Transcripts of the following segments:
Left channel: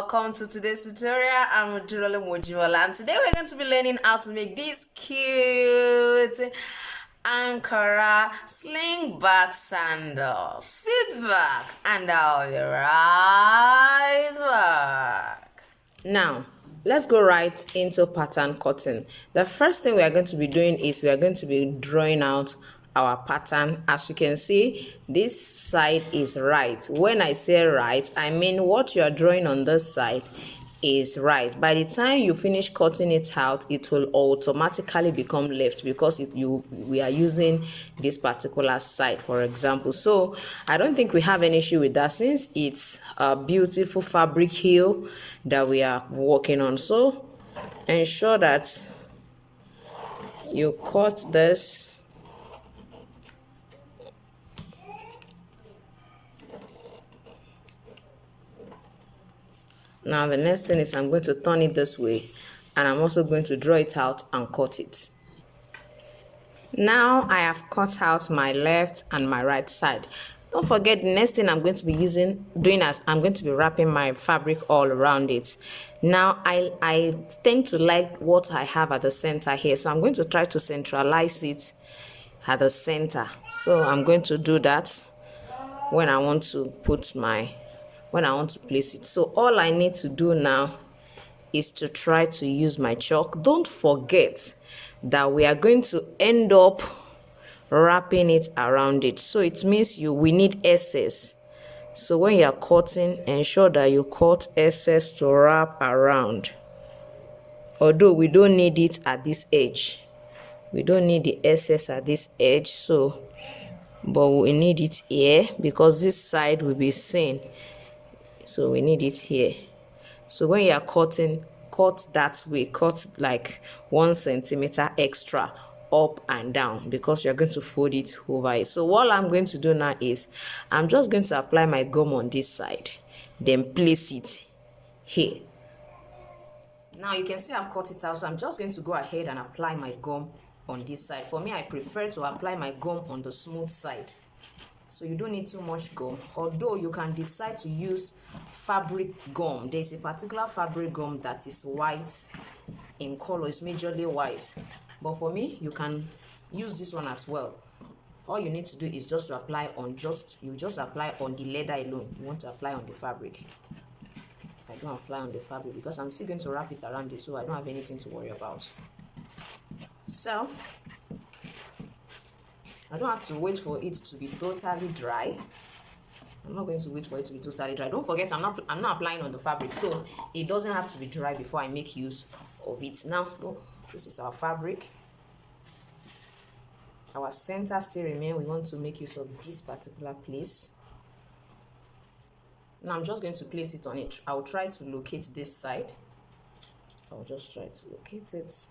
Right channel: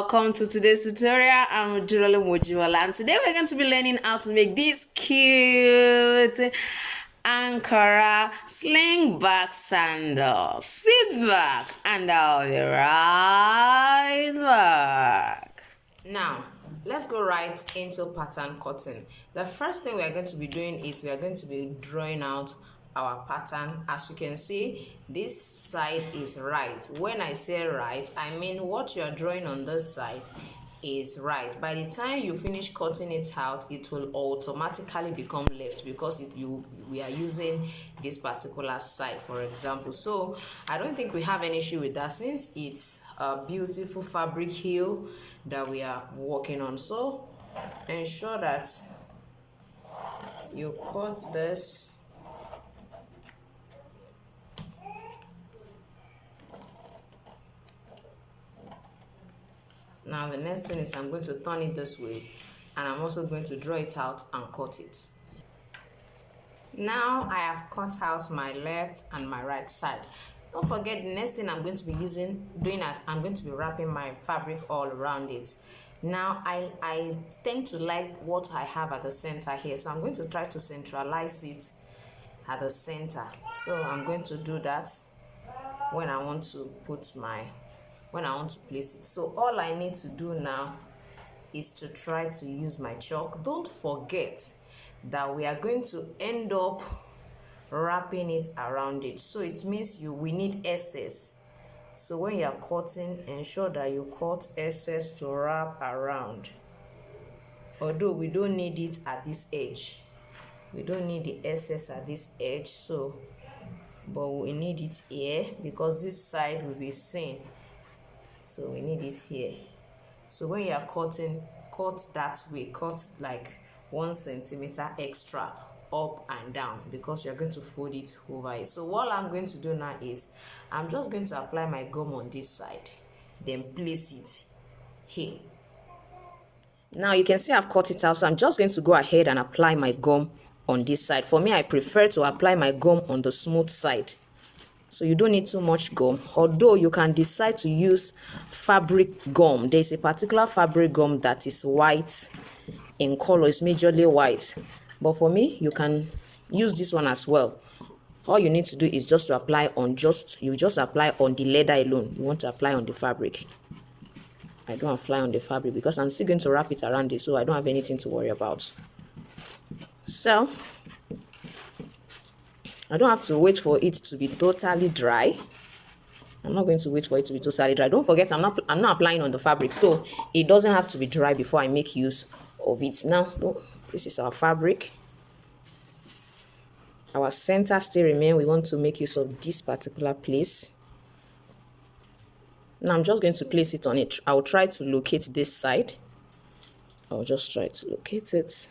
welcome to today's tutorial. I'm Jurole Mojiwala, and today we're going to be learning how to make this cute ankara sling back sandal. Sit back and I'll be right back. Now let's go right into pattern cutting. The first thing we are going to be doing is we are going to be drawing out our pattern. As you can see, this side is right. When I say right, I mean what you are drawing on this side is right. By the time you finish cutting it out, it will automatically become left because we are using this particular side, for example. So I don't think we have an issue with that since it's a beautiful fabric heel that we are working on. So ensure that you cut this. Now the next thing is I'm going to turn it this way, and I'm also going to draw it out and cut it. Now I have cut out my left and my right side. Don't forget, the next thing I'm going to be doing as I'm going to be wrapping my fabric all around it. Now I tend to like what I have at the center here, so I'm going to try to centralize it at the center. So I'm going to do that when I want to place it. So all I need to do now is to try to use my chalk. Don't forget that we are going to end up wrapping it around it, so it means we need excess. So when you are cutting, ensure that you cut excess to wrap around. Although we don't need it at this edge, we don't need the excess at this edge, but we need it here because this side will be seen. So we need it here. So when you are cutting, cut that way, cut like 1 centimeter extra up and down because you're going to fold it over it. So what I'm going to do now is I'm just going to apply my gum on this side, then place it here. Now you can see I've cut it out, so I'm just going to go ahead and apply my gum on this side. For me, I prefer to apply my gum on the smooth side, so you don't need too much gum, although you can decide to use fabric gum. There's a particular fabric gum that is white in color, it's majorly white, but for me you can use this one as well. All you need to do is just to apply on apply on the leather alone. You want to apply on the fabric. I don't apply on the fabric because I'm still going to wrap it around it, so I don't have anything to worry about. So I don't have to wait for it to be totally dry. I'm not going to wait for it to be totally dry. Don't forget, I'm not applying on the fabric, so it doesn't have to be dry before I make use of it. Now, this is our fabric. Our center still remains. We want to make use of this particular place. Now I'm just going to place it on it. I'll try to locate this side. I'll just try to locate it.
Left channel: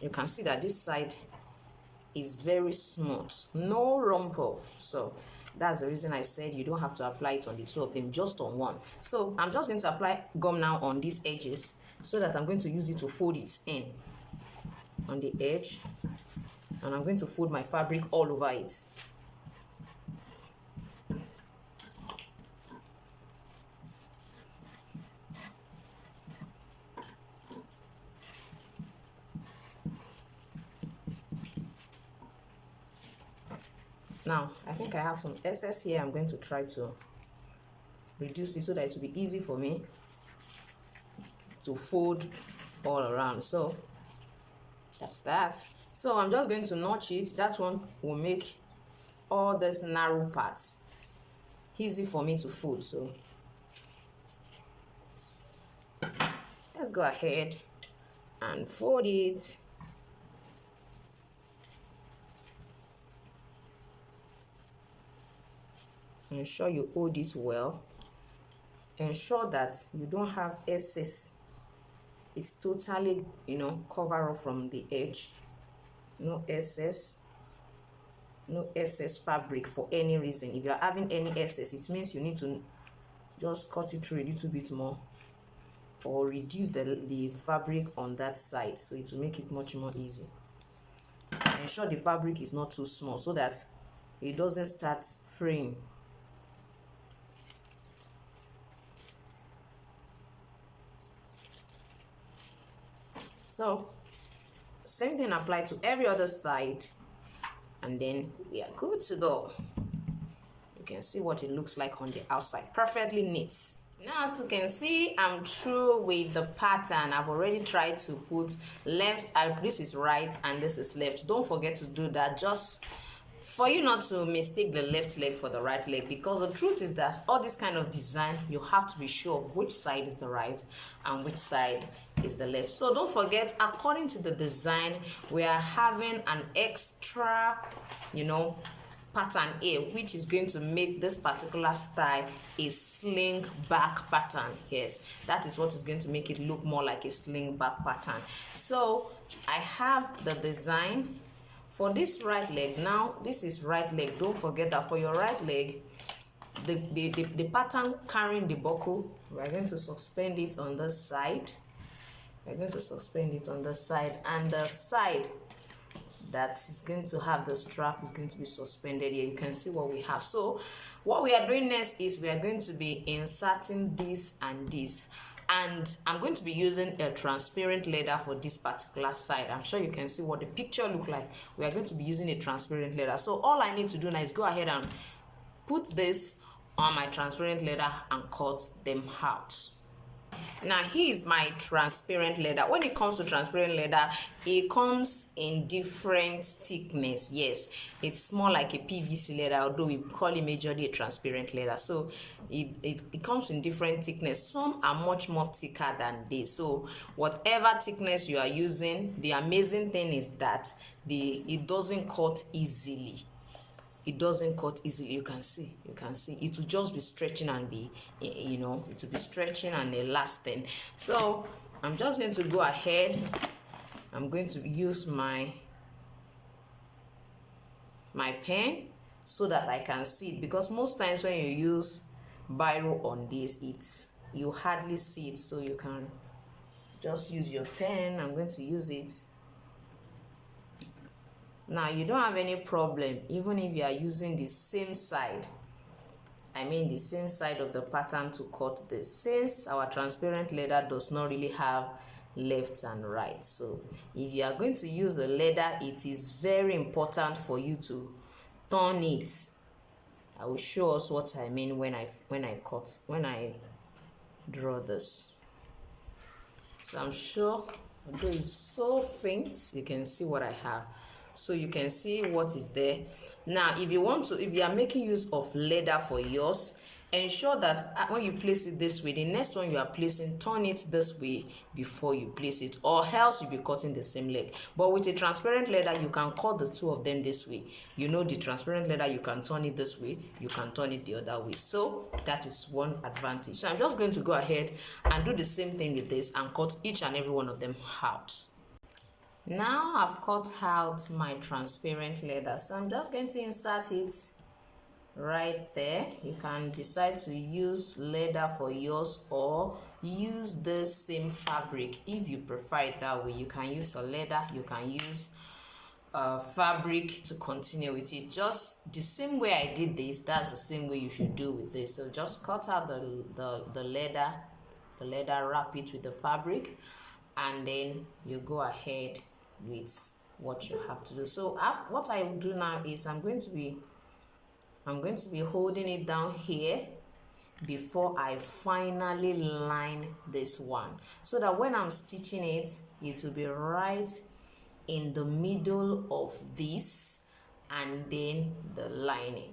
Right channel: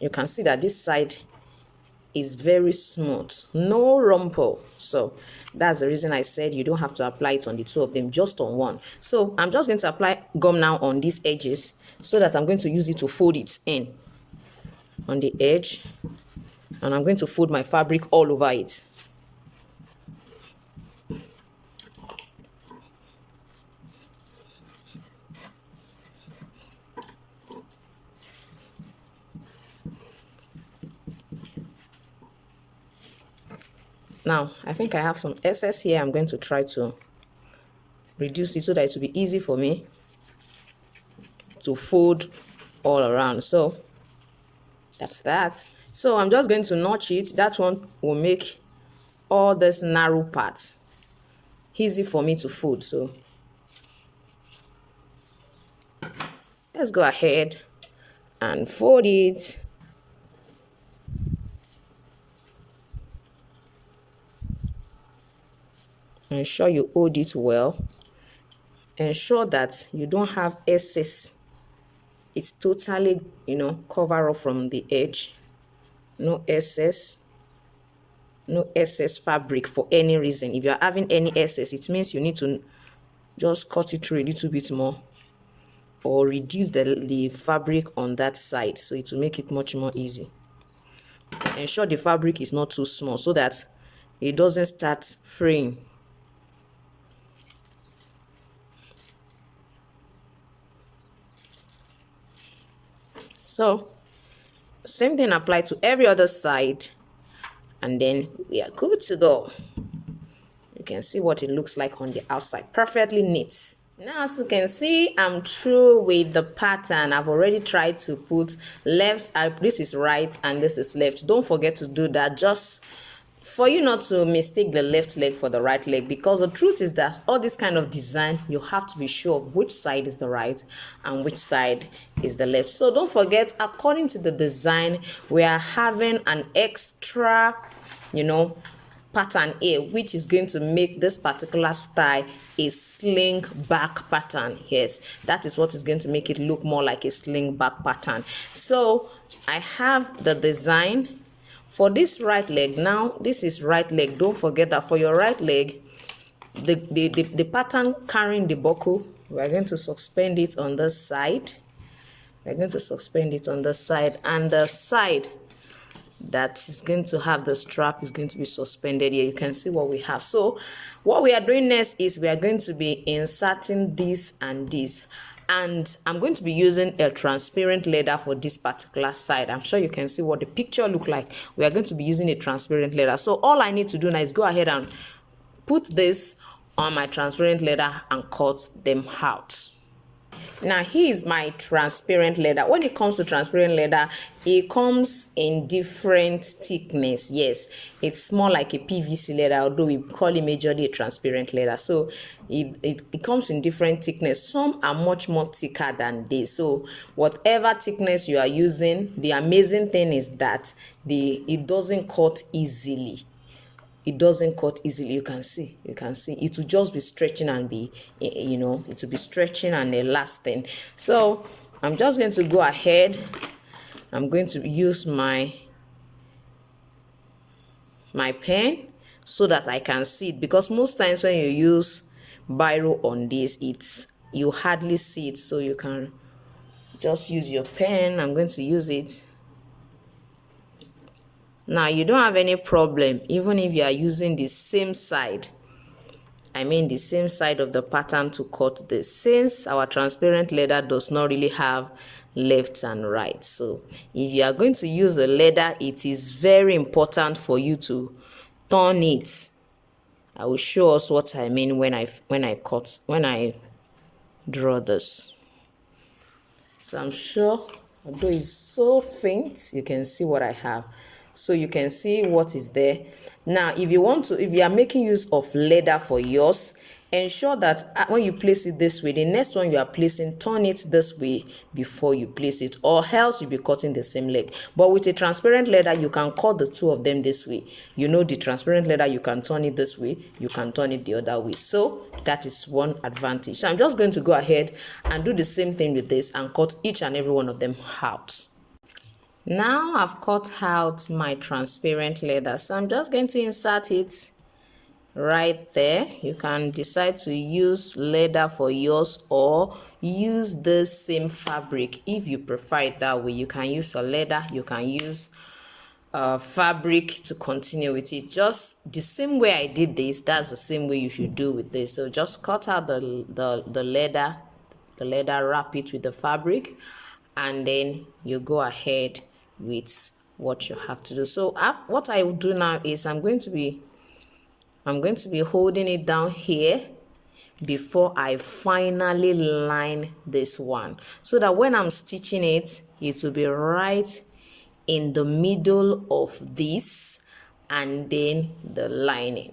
You can see that this side is very smooth, no rumple. So that's the reason I said you don't have to apply it on the two of them, just on one. So I'm just going to apply gum now on these edges so that I'm going to use it to fold it in on the edge, and I'm going to fold my fabric all over it. Now, I think I have some excess here. I'm going to try to reduce it so that it will be easy for me to fold all around. So that's that. So I'm just going to notch it. That one will make all this narrow parts easy for me to fold. So let's go ahead and fold it. Ensure you hold it well. Ensure that you don't have excess. It's totally, cover up from the edge. No excess fabric for any reason. If you're having any excess, it means you need to just cut it through a little bit more or reduce the fabric on that side, so it will make it much more easy. Ensure the fabric is not too small so that it doesn't start fraying. So same thing applies to every other side, and then we are good to go. You can see what it looks like on the outside, perfectly neat. Now, as you can see, I'm through with the pattern. I've already tried to put left, this is right and this is left. Don't forget to do that, just for you not to mistake the left leg for the right leg, because the truth is that all this kind of design, you have to be sure of which side is the right and which side is the left. So don't forget, according to the design, we are having an extra, pattern here, which is going to make this particular style a sling back pattern. Yes, that is what is going to make it look more like a sling back pattern. So I have the design for this right leg. Now this is right leg. Don't forget that for your right leg, the pattern carrying the buckle, we're going to suspend it on the side. We're going to suspend it on the side, and the side that is going to have the strap is going to be suspended here. You can see what we have. So what we are doing next is we are going to be inserting this and this, and I'm going to be using a transparent leather for this particular side. I'm sure you can see what the picture look like. We are going to be using a transparent leather. So all I need to do now is go ahead and put this on my transparent leather and cut them out. Now here's my transparent leather. When it comes to transparent leather, it comes in different thickness. Yes, it's more like a PVC leather, although we call it majorly a transparent leather. So it comes in different thickness. Some are much more thicker than this. So whatever thickness you are using, the amazing thing is that it doesn't cut easily. It doesn't cut easily. You can see it will just be stretching and be, it will be stretching and elasting. So I'm just going to go ahead. I'm going to use my pen so that I can see it, because most times when you use biro on this, you hardly see it. So you can just use your pen. I'm going to use it. Now you don't have any problem even if you are using the same side, the same side of the pattern to cut this, since our transparent leather does not really have left and right. So if you are going to use a leather, it is very important for you to turn it. I will show us what I mean when I draw this. So I'm sure, although it's so faint, you can see what I have. So you can see what is there. Now if you are making use of leather for yours, ensure that when you place it this way, the next one you are placing, turn it this way before you place it, or else you'll be cutting the same leg. But with a transparent leather, you can cut the two of them this way. The transparent leather, you can turn it this way, you can turn it the other way. So that is one advantage. So I'm just going to go ahead and do the same thing with this and cut each and every one of them out. Now I've cut out my transparent leather, so I'm just going to insert it right there. You can decide to use leather for yours or use the same fabric if you prefer it that way. You can use a leather, you can use fabric to continue with it. Just the same way I did this, that's the same way you should do with this. So just cut out the leather, wrap it with the fabric, and then you go ahead with what you have to do. So what I will do now is I'm going to be holding it down here before I finally line this one, so that when I'm stitching it, it will be right in the middle of this and then the lining.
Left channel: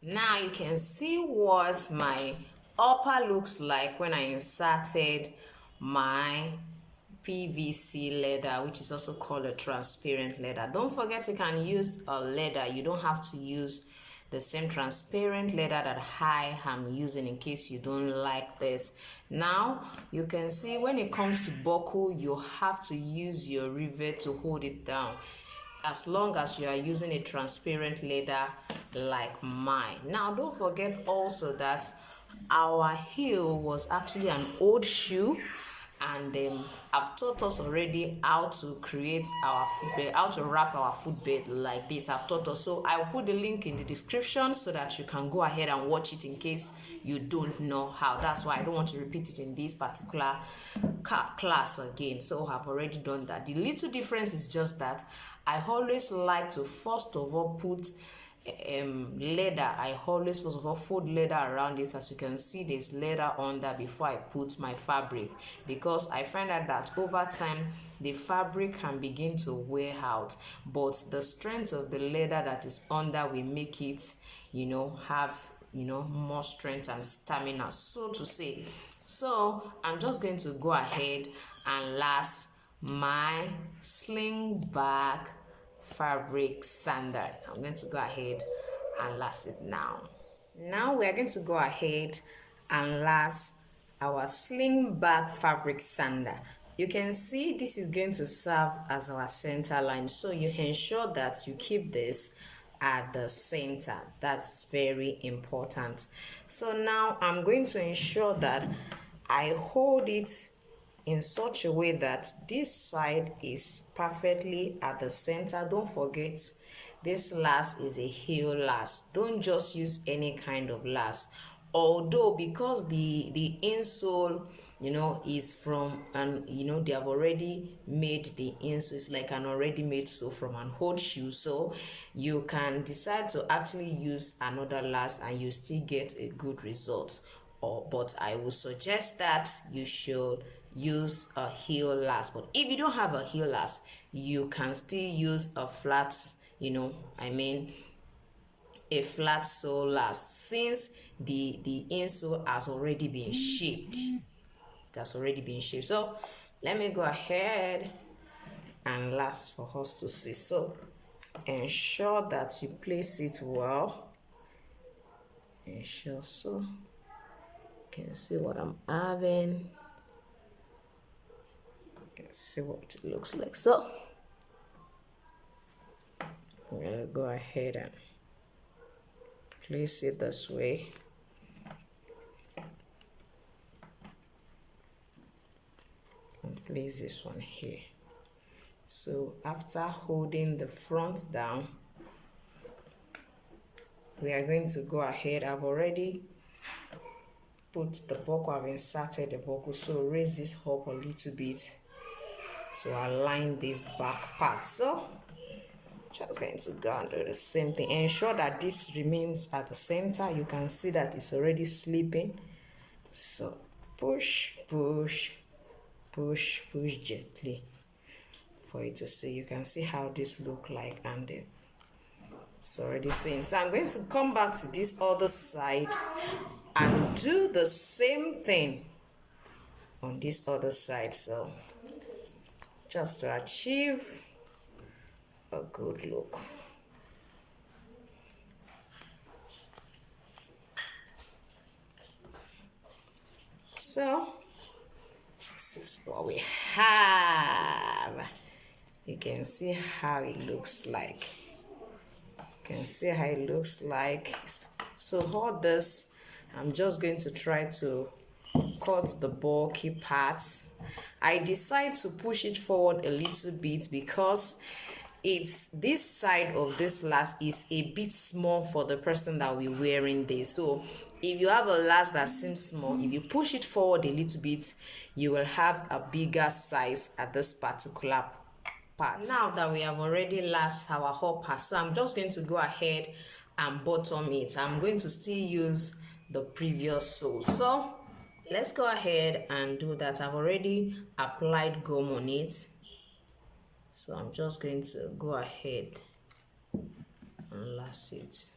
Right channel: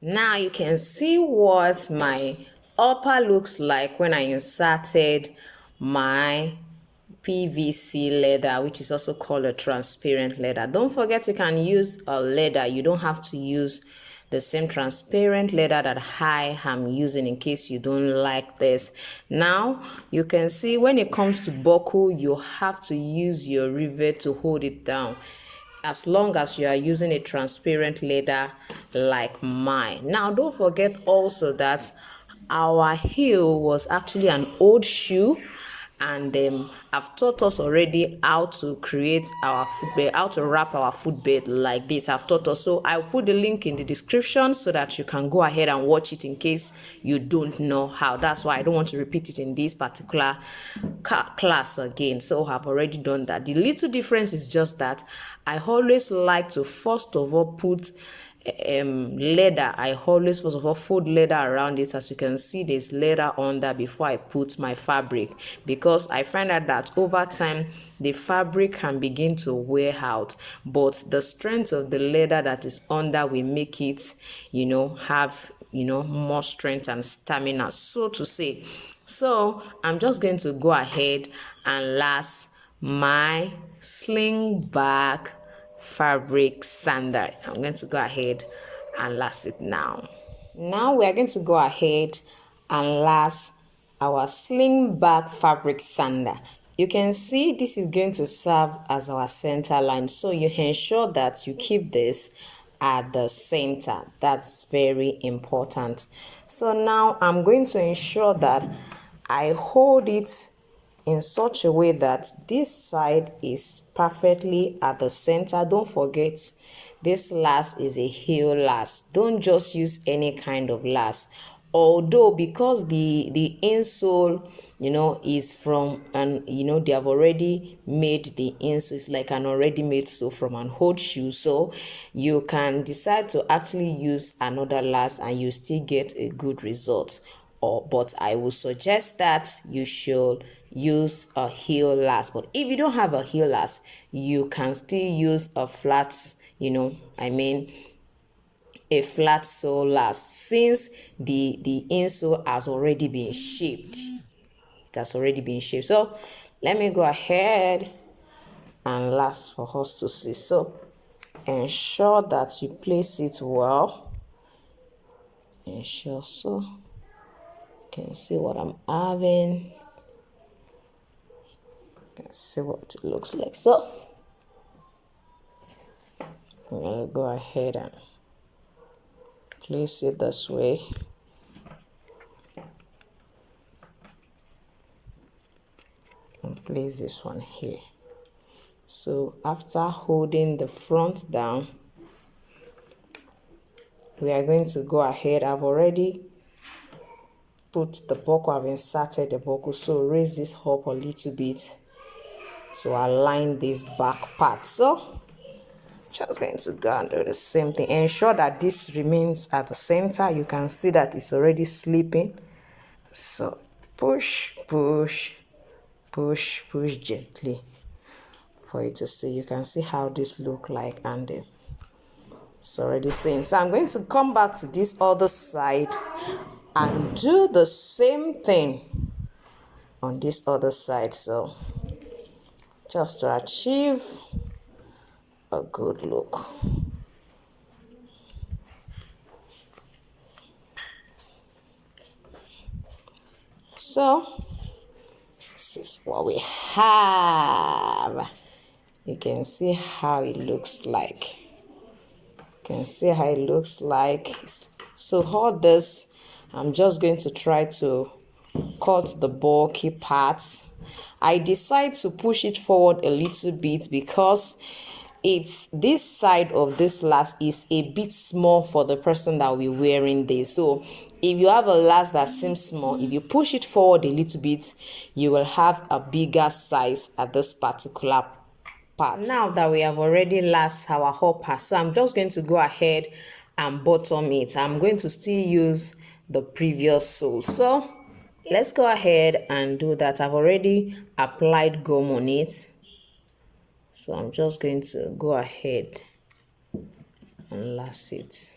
Now you can see what my upper looks like when I inserted my PVC leather, which is also called a transparent leather. Don't forget, you can use a leather. You don't have to use the same transparent leather that I am using in case you don't like this. Now you can see when it comes to buckle, you have to use your rivet to hold it down, as long as you are using a transparent leather like mine. Now don't forget also that our heel was actually an old shoe, and I've taught us already how to create our footbed, how to wrap our footbed like this. I've taught us, so I'll put the link in the description so that you can go ahead and watch it in case you don't know how. That's why I don't want to repeat it in this particular class again. So I've already done that. The little difference is just that I always like to first of all put leather. I always first of all fold leather around it. As you can see, there's leather under before I put my fabric, because I find out that over time the fabric can begin to wear out, but the strength of the leather that is under will make it, have more strength and stamina, so to say. So I'm just going to go ahead and last my sling back fabric sandal. I'm going to go ahead and last it now. Now we are going to go ahead and last our sling back fabric sandal. You can see this is going to serve as our center line, so you ensure that you keep this at the center. That's very important. So now I'm going to ensure that I hold it in such a way that this side is perfectly at the center. Don't forget, this last is a heel last. Don't just use any kind of last. Although, because the insole is from, and they have already made the insole, it's like an already made sole from an old shoe, so you can decide to actually use another last and you still get a good result. But I would suggest that you should use a heel last. But if you don't have a heel last, you can still use a flat, a flat sole last, since the insole has already been shaped. It has already been shaped. So let me go ahead and last for us to see. So ensure that you place it well. Ensure so. You can see what I'm having. You can see what it looks like. So I'm gonna go ahead and place it this way. And place this one here. So after holding the front down, we are going to go ahead. I've already put the buckle, I've inserted the buckle, so raise this up a little bit to align this back part. So just going to go and do the same thing. Ensure that this remains at the center. You can see that it's already slipping. So push, push, push, push gently for it to see. You can see how this look like, and it's already seen. So I'm going to come back to this other side and do the same thing on this other side. So just to achieve a good look. So this is what we have. You can see how it looks like. You can see how it looks like. So all this, I'm just going to try to cut the bulky parts. I decide to push it forward a little bit because it's this side of this last is a bit small for the person that will be wearing this. So if you have a last that seems small, if you push it forward a little bit, you will have a bigger size at this particular part. Now that we have already last our upper, so I'm just going to go ahead and bottom it. I'm going to still use the previous sole. So let's go ahead and do that. I've already applied gum on it, so I'm just going to go ahead and last it.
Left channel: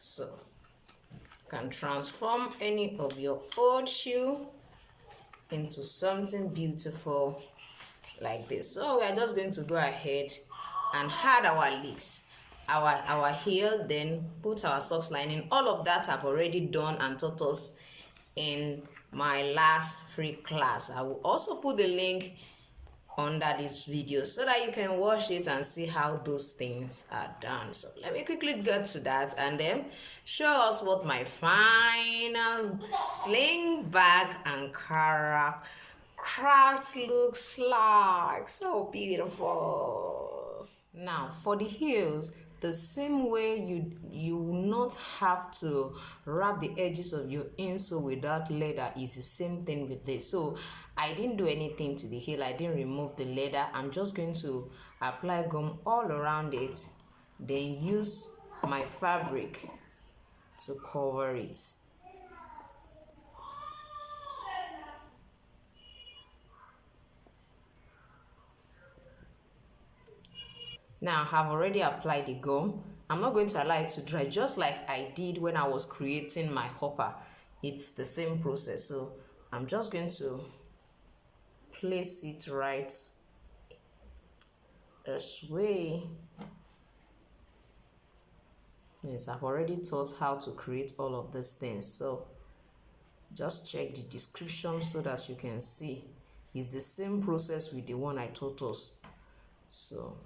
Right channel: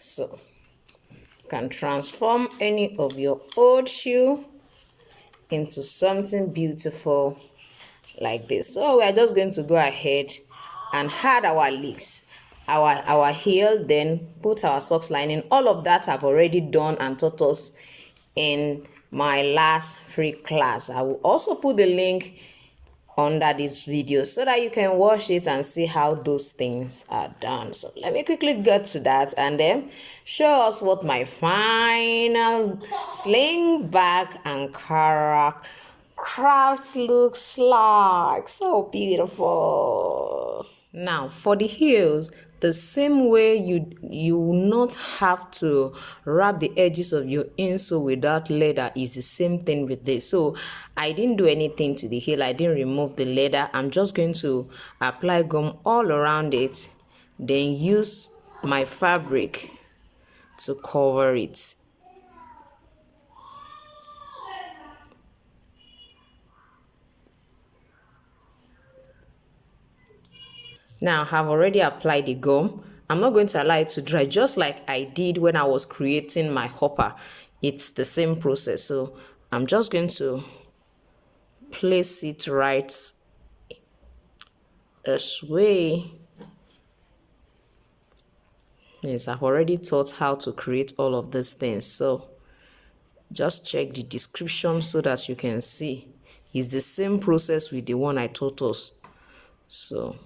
So you can transform any of your old shoe into something beautiful like this. So we are just going to go ahead and add our leaks, our heel, then put our socks lining. All of that I've already done and taught us in my last free class. I will also put the link under this video so that you can watch it and see how those things are done. So let me quickly get to that and then show us what my final sling back ankara craft looks like. So beautiful. Now for the heels, the same way you will not have to wrap the edges of your insole without leather is the same thing with this. So I didn't do anything to the heel. I didn't remove the leather. I'm just going to apply gum all around it, then use my fabric to cover it. Now I've already applied the gum. I'm not going to allow it to dry, just like I did when I was creating my hopper. It's the same process. So I'm just going to place it right this way. Yes, I've already taught how to create all of these things. So just check the description so that you can see. It's the same process with the one I taught us. So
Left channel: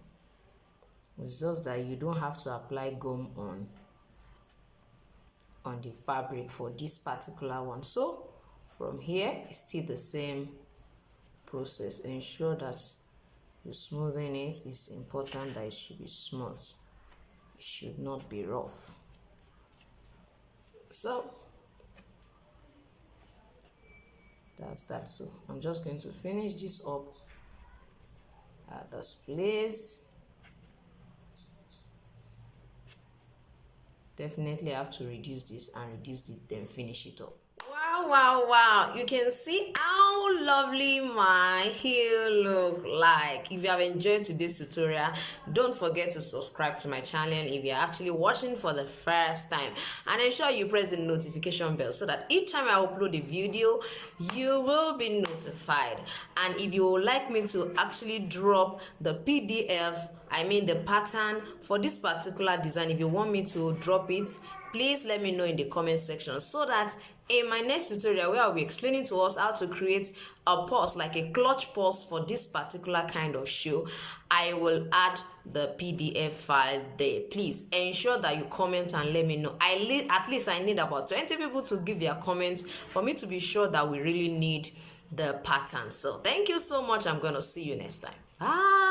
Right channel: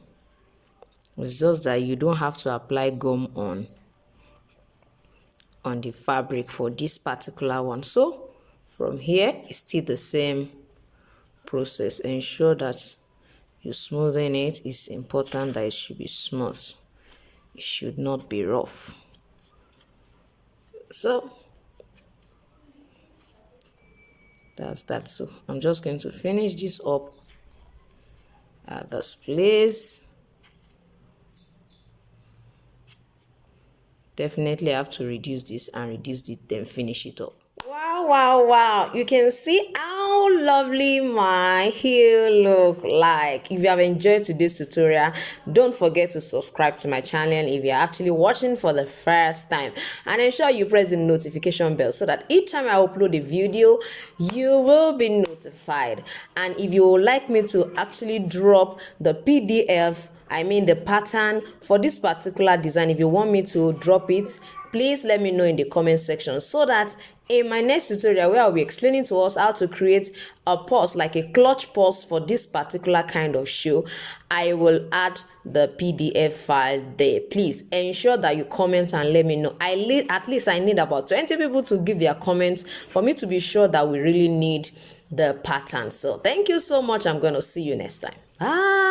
it's just that you don't have to apply gum on the fabric for this particular one. So from here it's still the same process. Ensure that you smoothen it. It's important that it should be smooth. It should not be rough. So that's that. So I'm just going to finish this up at this place. Definitely have to reduce this and reduce it, then finish it up. Wow, you can see how lovely my heel look like. If you have enjoyed today's tutorial, don't forget to subscribe to my channel if you're actually watching for the first time, and ensure you press the notification bell so that each time I upload a video you will be notified. And if you would like me to actually drop the PDF, I mean the pattern for this particular design, if you want me to drop it, please let me know in the comment section so that in my next tutorial where I'll be explaining to us how to create a purse, like a clutch purse for this particular kind of shoe, I will add the PDF file there. Please ensure that you comment and let me know. At least I need about 20 people to give their comments for me to be sure that we really need the pattern. So thank you so much. I'm going to see you next time. Bye.